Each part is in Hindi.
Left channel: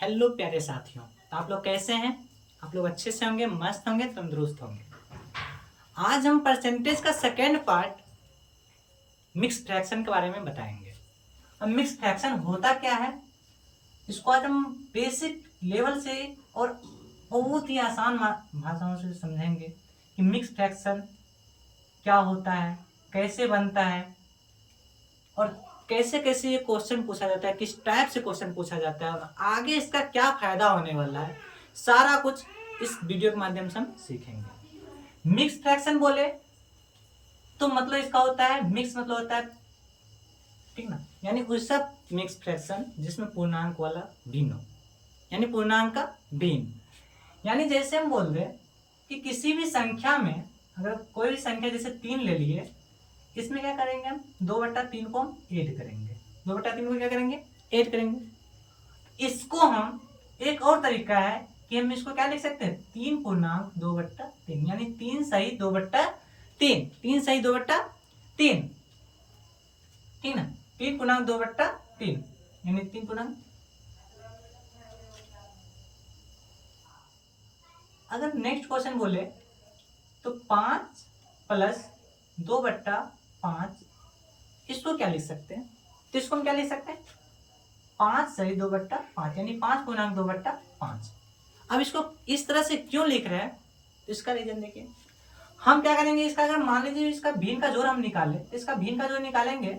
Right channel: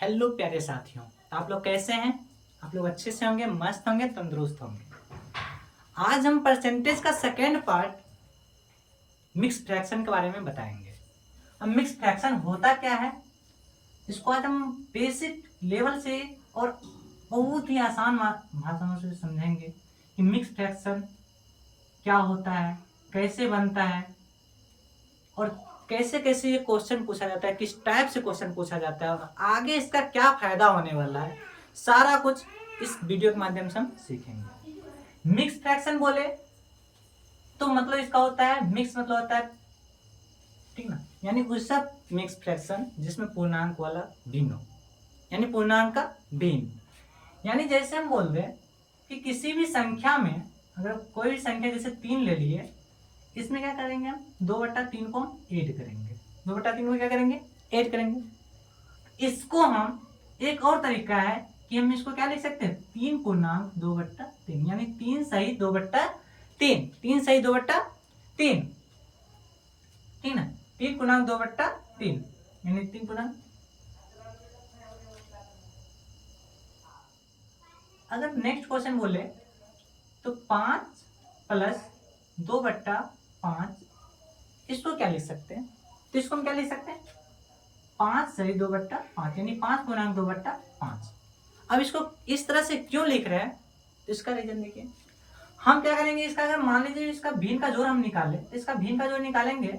हेलो प्यारे साथियों, आप लोग कैसे हैं? आप लोग अच्छे से होंगे, मस्त होंगे, तंदुरुस्त होंगे। आज हम परसेंटेज का सेकेंड पार्ट मिक्स फ्रैक्शन के बारे में बताएंगे। अब मिक्स फ्रैक्शन होता क्या है, इसको आज हम बेसिक लेवल से और बहुत ही आसान भाषाओं से समझेंगे कि मिक्स फ्रैक्शन क्या होता है, कैसे बनता है और कैसे कैसे ये क्वेश्चन पूछा जाता है, किस टाइप से क्वेश्चन पूछा जाता है और आगे इसका क्या फायदा होने वाला है, सारा कुछ इस वीडियो के माध्यम से हम सीखेंगे। मिक्स फ्रैक्शन बोले तो मतलब इसका होता है, मिक्स मतलब होता है, ठीक ना, यानी उसका मिक्स फ्रैक्शन जिसमें पूर्णांक वाला भिन्न हो, यानी पूर्णांक का भिन्न। यानी जैसे हम बोल रहे कि किसी भी संख्या में अगर कोई भी संख्या जैसे 3 ले लिए, इसमें क्या करेंगे हम 2/3 को हम ऐड करेंगे, 2/3 को क्या करेंगे, ऐड करेंगे। इसको हम एक और तरीका है कि हम इसको क्या लिख सकते हैं, 3 पूर्णांक 2/3, यानी 3 सही 2/3, 3 सही 2/3, ठीक ना, 3 पूर्णांक 2/3, यानी 3 पूर्णांक। अगर नेक्स्ट क्वेश्चन बोले तो 5 प्लस 2/5, इसको क्या लिख सकते हैं, तो इसको हम क्या लिख सकते हैं, 5 सही 2/5, यानी 5 पूर्णांक 2/5। अब इसको इस तरह से क्यों लिख रहे हैं, तो इसका रीजन देखिए। हम क्या करेंगे, इसका अगर मान लीजिए इसका भिन्न का जोड़ हम निकाले, तो इसका भिन्न का जोड़ निकालेंगे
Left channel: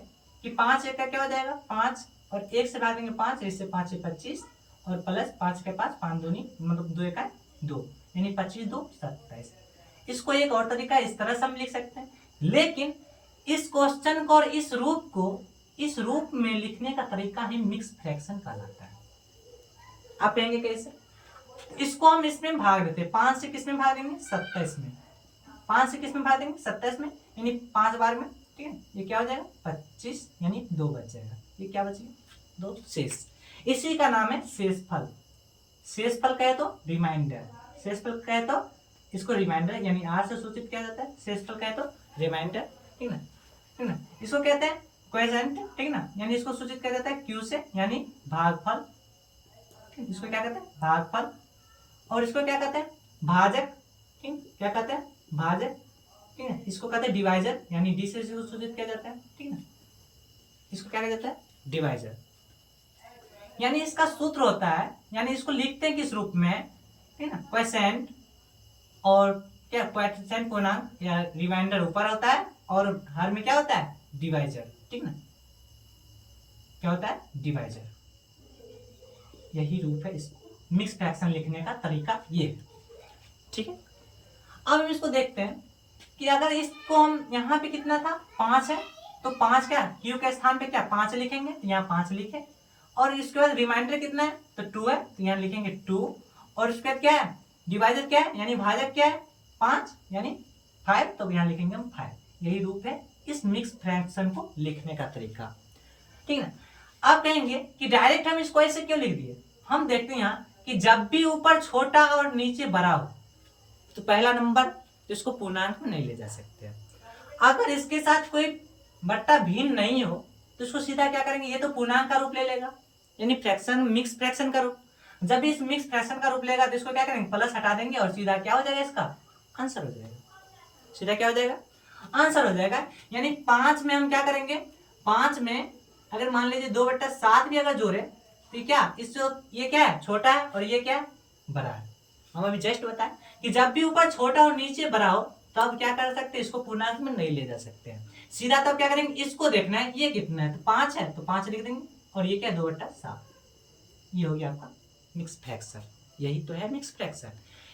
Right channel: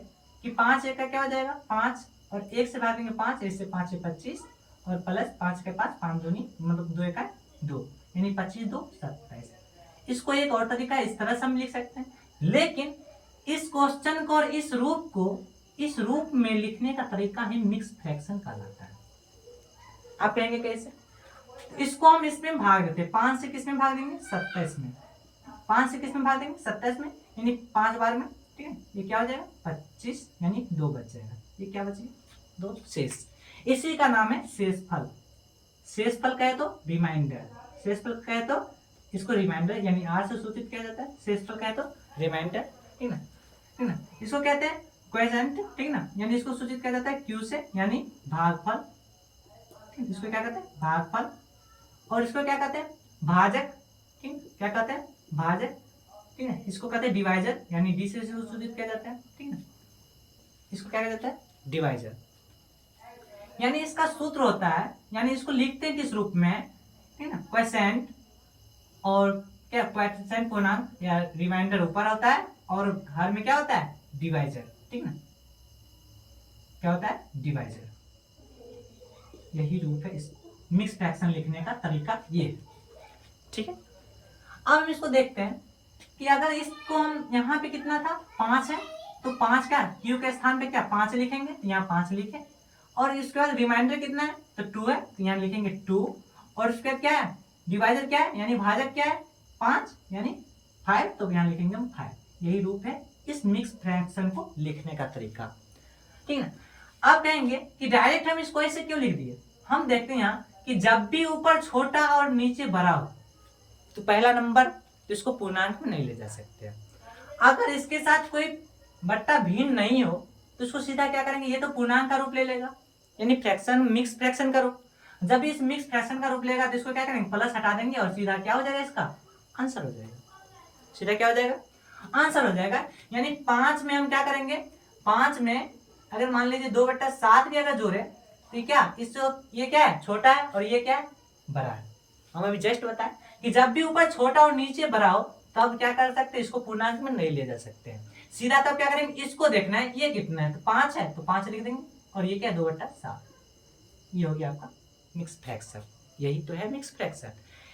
कि 5 एक का क्या हो जाएगा 5, और 1 से भागेंगे 5, इससे 5 से 25, और प्लस 5 के पास 5 दूनी मतलब 2 का 2, यानी 25 2 27। इसको एक और तरीका इस तरह से हम लिख सकते हैं, लेकिन इस क्वेश्चन को और इस रूप में लिखने का तरीका ही मिक्स फ्रैक्शन कहलाता है। आप कहेंगे कैसे, इसको हम इसमें भाग देते हैं, 5 से किस में भाग देंगे 27 में, 5 से किस में भाग देंगे 27 में, यानी 5 बार में, ठीक है, ये क्या हो जाएगा 25, यानी 2 बच जाएगा, ये क्या बचेगा 2 शेष। इसी का नाम है शेषफल। शेषफल कहे तो रिमाइंडर, शेषफल कहे तो इसको रिमाइंडर यानी आर से सूचित किया जाता है, शेषफल कहे तो रिमाइंडर, ठीक ना, ठीक ना। इसको कहते हैं क्वोशंट, ठीक ना, यानी इसको सूचित किया जाता है क्यू से, यानी भागफल, इसको क्या कहते हैं भागफल। और इसको क्या कहते हैं भाजक, ठीक, क्या कहते हैं भाजक, ठीक है। इसको कहते हैं डिवाइजर, यानी डी से इसको सूचित किया जाता है, ठीक है, इसको क्या कहा जाता है डिवाइजर। यानी इसका सूत्र होता है, यानी इसको लिखते हैं किस रूप में, ठीक ना, क्वोशंट और क्या क्वोशंट पूर्णांक या रिमाइंडर ऊपर होता है और हर में क्या होता है डिवाइजर, ठीक ना, क्या होता है डिवाइजर। यही रूप है इस मिक्स फ्रैक्शन लिखने का तरीका, ये है, ठीक है। अब हम इसको देखते हैं कि अगर इसको हम यहाँ पे कितना था 5 है, तो 5 क्या क्यू के स्थान पे क्या 5 लिखेंगे, तो यहाँ 5 लिखे, और इसके बाद रिमाइंडर कितना है तो 2 है, तो यहाँ लिखेंगे 2, और इसके बाद क्या है डिवाइजर क्या है, यानी भाजक क्या है 5, यानी 5, तो यहाँ लिखेंगे हम 5। यही रूप है इस मिक्स फ्रैक्शन को लिखने का तरीका, ठीक है। आप कहेंगे कि डायरेक्ट हम इसको ऐसे क्यों लिख दिए, हम देखते हैं यहाँ कि जब भी ऊपर छोटा और नीचे बड़ा हो तो पहला नंबर तो इसको पूर्णांक में नहीं ले जा सकते। अगर इसके साथ कोई बट्टा भिन्न नहीं हो तो इसको सीधा क्या करेंगे, ये तो पूर्णांक का रूप ले लेगा, यानी फ्रैक्शन मिक्स फ्रैक्शन का रूप। जब इस मिक्स फ्रैक्शन का रूप लेगा तो इसको क्या करेंगे प्लस हटा देंगे और सीधा क्या हो जाएगा, इसका आंसर हो जाएगा, सीधा क्या हो जाएगा आंसर हो जाएगा। यानी 5 में हम क्या करेंगे, 5 में अगर मान लीजिए 2/7 भी अगर जोड़े तो क्या इस ये क्या है छोटा है और ये क्या है बड़ा है। हम अभी जस्ट बताएं कि जब भी ऊपर छोटा और नीचे बड़ा हो तब क्या कर सकते हैं, इसको पूर्णांक में नहीं ले जा सकते हैं, सीधा तब क्या करेंगे इसको देखना है ये कितना है, तो 5 है तो 5 लिख देंगे, और ये क्या 2/7, ये हो गया आपका मिक्स फ्रैक्शन। यही तो है मिक्स फ्रैक्शन।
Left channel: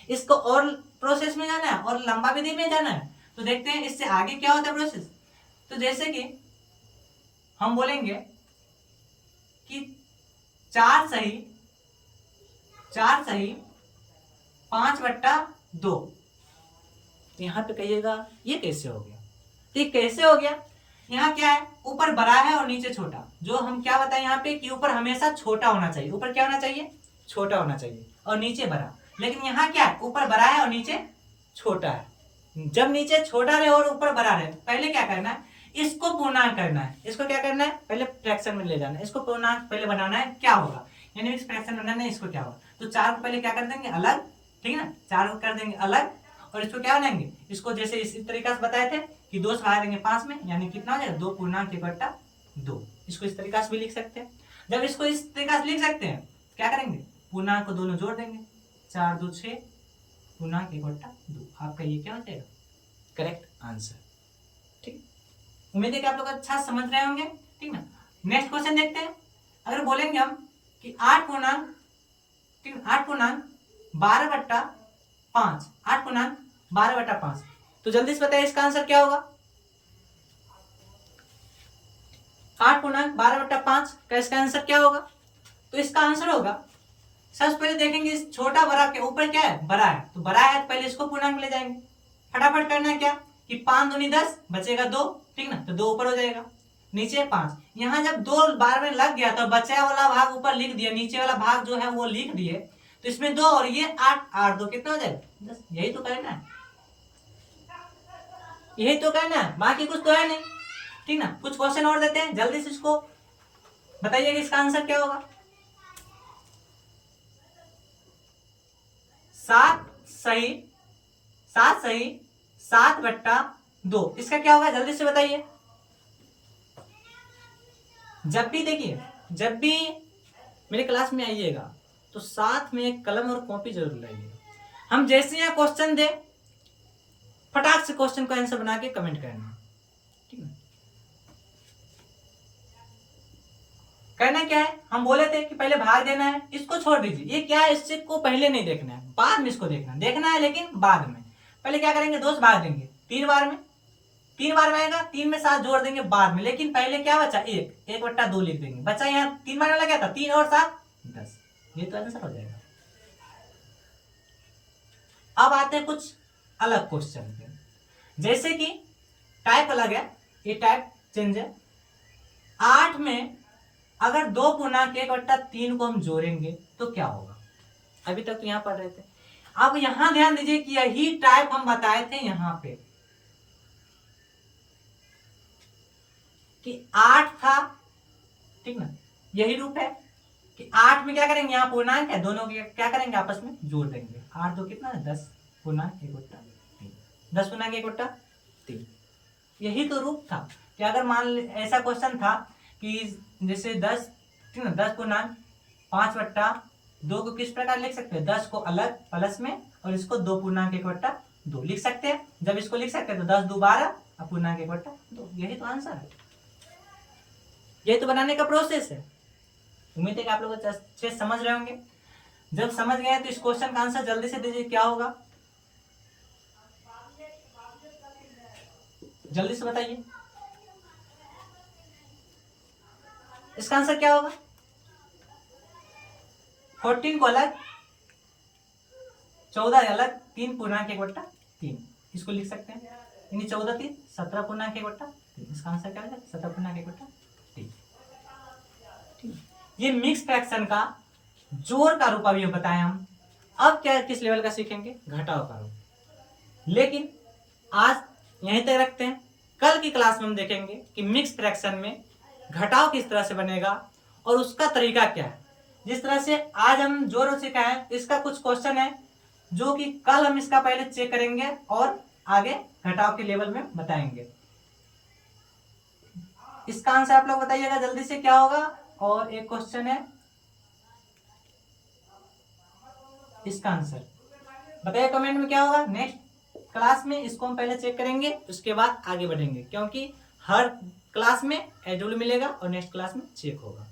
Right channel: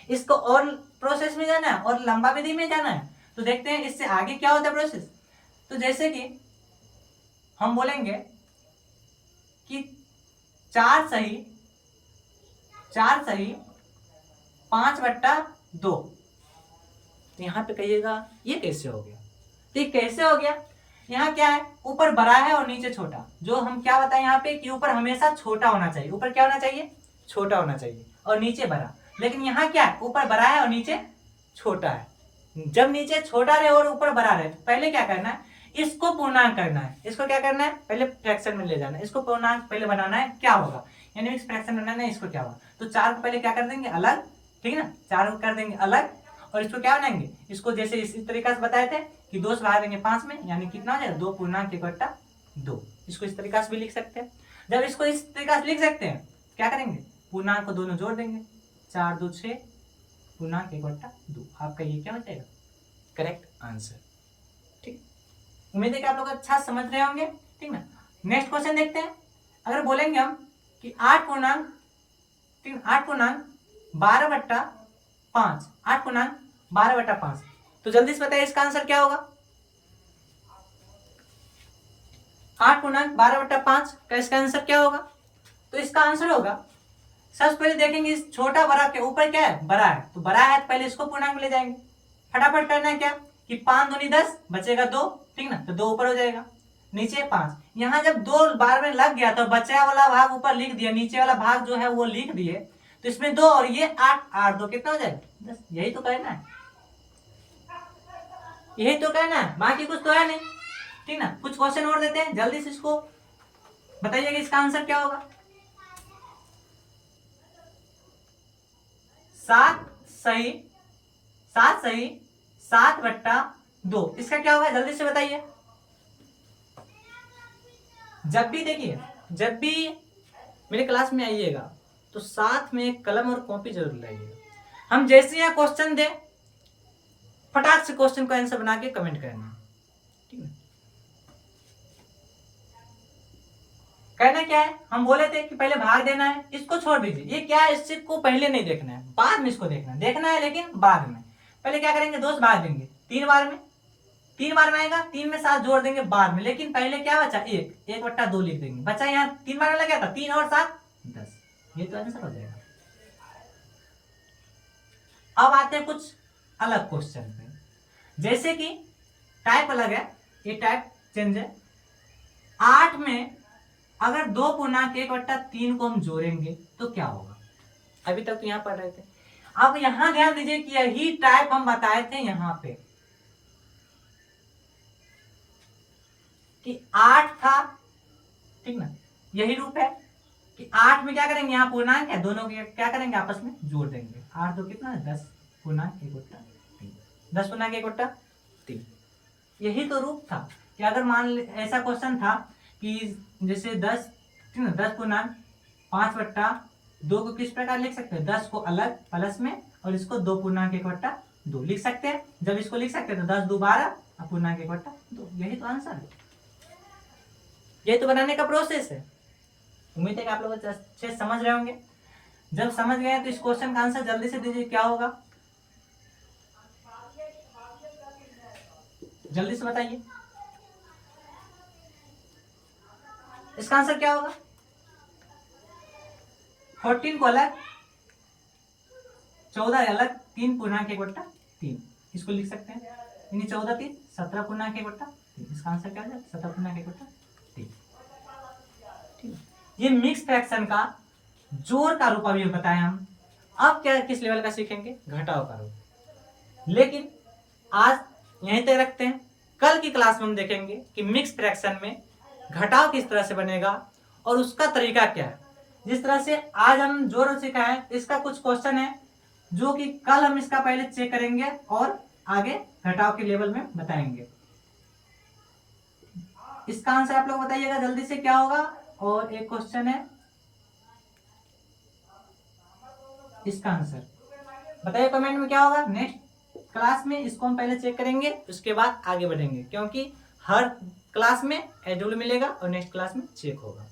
इसको और प्रोसेस में जाना है और लंबा विधि में जाना है, तो देखते हैं इससे आगे क्या होता है प्रोसेस। तो जैसे कि हम बोलेंगे कि 4 सही 5/2, तो यहाँ पे कहिएगा ये कैसे हो गया, तो ये कैसे हो गया, यहाँ क्या है ऊपर बड़ा है और नीचे छोटा, जो हम क्या बताएं यहाँ पे कि ऊपर हमेशा छोटा होना चाहिए, ऊपर क्या होना चाहिए छोटा होना चाहिए और नीचे बड़ा, लेकिन यहाँ क्या है ऊपर बड़ा है और नीचे छोटा है। जब नीचे छोटा रहे और ऊपर बड़ा रहे तो पहले क्या करना है, इसको पूर्णांक करना है, इसको क्या करना है पहले फ्रैक्शन में ले जाना है, इसको पूर्णांक पहले बनाना है, क्या होगा यानी मिक्स फ्रैक्शन बनाना है, इसको क्या होगा, तो 4 को पहले क्या कर देंगे अलग, ठीक है ना, 4 को कर देंगे अलग, और इसको क्या बनाएंगे, इसको जैसे इसी तरीके से बताए थे कि 2 से भाग देंगे 5 में, यानी कितना हो जाएगा 2 पूर्णांक 1/2। इसको इस तरीके से भी लिख सकते हैं। जब इसको इस तरीके से लिख सकते हैं क्या करेंगे, पूर्णांक को दोनों जोड़ देंगे, 4 2 6 पूर्णांक 1/2। आपका ये क्या हो जाएगा, करेक्ट आंसर। ठीक, उम्मीद है कि आप लोग अच्छा समझ रहे होंगे, ठीक ना। नेक्स्ट क्वेश्चन देखते हैं। अगर बोलेंगे हम कि 8 पूर्णांक 12/5, 8 पूर्णांक 12/5, तो जल्दी से बताइए इसका आंसर क्या होगा। 8 पूर्णांक 12/5 का इसका आंसर क्या होगा, तो इसका आंसर होगा, सबसे पहले देखेंगे इस छोटा बड़ा के ऊपर क्या है, बड़ा है, तो बड़ा है तो पहले इसको पूर्णांक में ले जाएंगे। फटाफट करना है क्या कि 5 दूनी 10 बचेगा 2, ठीक ना, तो 2 ऊपर हो जाएगा, नीचे 5। यहाँ जब 2 बार में लग गया तो बचा वाला भाग ऊपर लिख दिया, नीचे वाला भाग जो है वो लिख दिए, तो इसमें 2 और ये 8, 8 2 कितना हो जाएगा 10। यही तो करना है, यही तो करना है, बाकी कुछ तो है नहीं, ठीक ना। कुछ क्वेश्चन और देते हैं, जल्दी से इसको बताइएगा इसका आंसर क्या होगा। 7 सही 7/2, इसका क्या होगा जल्दी से बताइए। जब भी देखिए, जब भी मेरे क्लास में आइएगा तो साथ में एक कलम और कॉपी जरूर लाइएगा। हम जैसे यहाँ क्वेश्चन दे फटाक से क्वेश्चन का आंसर बना के कमेंट करना, ठीक है। कहना क्या है, हम बोले थे कि पहले भाग देना है, इसको छोड़ दीजिए, ये क्या है, इससे को पहले नहीं देखना है, बाद में इसको देखना है लेकिन बाद में। पहले क्या करेंगे, 2 से भाग देंगे 3 बार में, 3 बार में आएगा, 3 में 7 जोड़ देंगे बाद में, लेकिन पहले क्या बचा 1/2 लिख देंगे, बचा यहाँ 3 बार लगा था, 3 और 7 10, ये तो आंसर हो जाएगा। अब आते हैं कुछ अलग क्वेश्चन पे, जैसे कि टाइप अलग है, ये टाइप चेंज है। 8 में अगर 2 पूर्णांक 1/3 को हम जोड़ेंगे तो क्या होगा, अभी तक तो यहाँ पढ़ रहे थे। अब यहां ध्यान दीजिए कि यही टाइप हम बताए थे यहाँ पे कि 8 था, ठीक ना, यही रूप है कि 8 में क्या करेंगे, यहाँ पूर्णांक है, दोनों के क्या करेंगे आपस में जोड़ देंगे, 8 2 कितना है 10 पूर्णांक 1/3, 10 पूर्णांक 1/3। यही तो रूप था कि अगर मान ऐसा क्वेश्चन था कि जैसे 10, ठीक ना, 10 पूर्णांक 5/2 को किस प्रकार लिख सकते हैं, 10 को अलग प्लस में और इसको 2 पूर्णांक 1/2 लिख सकते हैं। जब इसको लिख सकते हैं तो 10 2 12 और पूर्णांक 1/2, यही तो आंसर है, यही तो बनाने का प्रोसेस है। उम्मीद है कि आप लोग अच्छे समझ रहे होंगे। जब समझ गए तो इस क्वेश्चन का आंसर जल्दी से दीजिए, क्या होगा जल्दी से बताइए, इसका आंसर क्या होगा। 14 को अलग, 14 अलग, 3 पूर्णांक 1/3 इसको लिख सकते हैं, यानी 14 3 17 पूर्णांक 1/3, इसका आंसर क्या हो जाएगा 17 पूर्णांक 1/3। ये मिक्स फ्रैक्शन का जोड़ का रूप अभी बताएं हम। अब क्या किस लेवल का सीखेंगे, घटाव का रूप। लेकिन आज यहीं तक रखते हैं, कल की क्लास में हम देखेंगे कि मिक्स फ्रैक्शन में घटाव किस तरह से बनेगा और उसका तरीका क्या है। जिस तरह से आज हम जोड़ सीखा है, इसका कुछ क्वेश्चन है जो कि कल हम इसका पहले चेक करेंगे और आगे घटाव के लेवल में बताएंगे। इसका आंसर आप लोग बताइएगा जल्दी से क्या होगा। और एक क्वेश्चन है, इसका आंसर बताइए कमेंट में क्या होगा। नेक्स्ट क्लास में इसको हम पहले चेक करेंगे, उसके बाद आगे बढ़ेंगे, क्योंकि हर क्लास में एडब्ल्यू मिलेगा और नेक्स्ट क्लास में चेक होगा।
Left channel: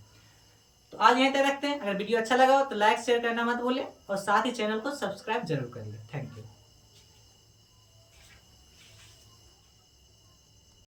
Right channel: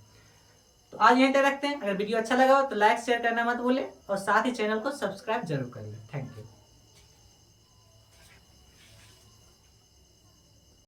तो आज यहीं तक रखते हैं। अगर वीडियो अच्छा लगा हो तो लाइक शेयर करना मत भूलें और साथ ही चैनल को सब्सक्राइब जरूर कर लें। Thank you.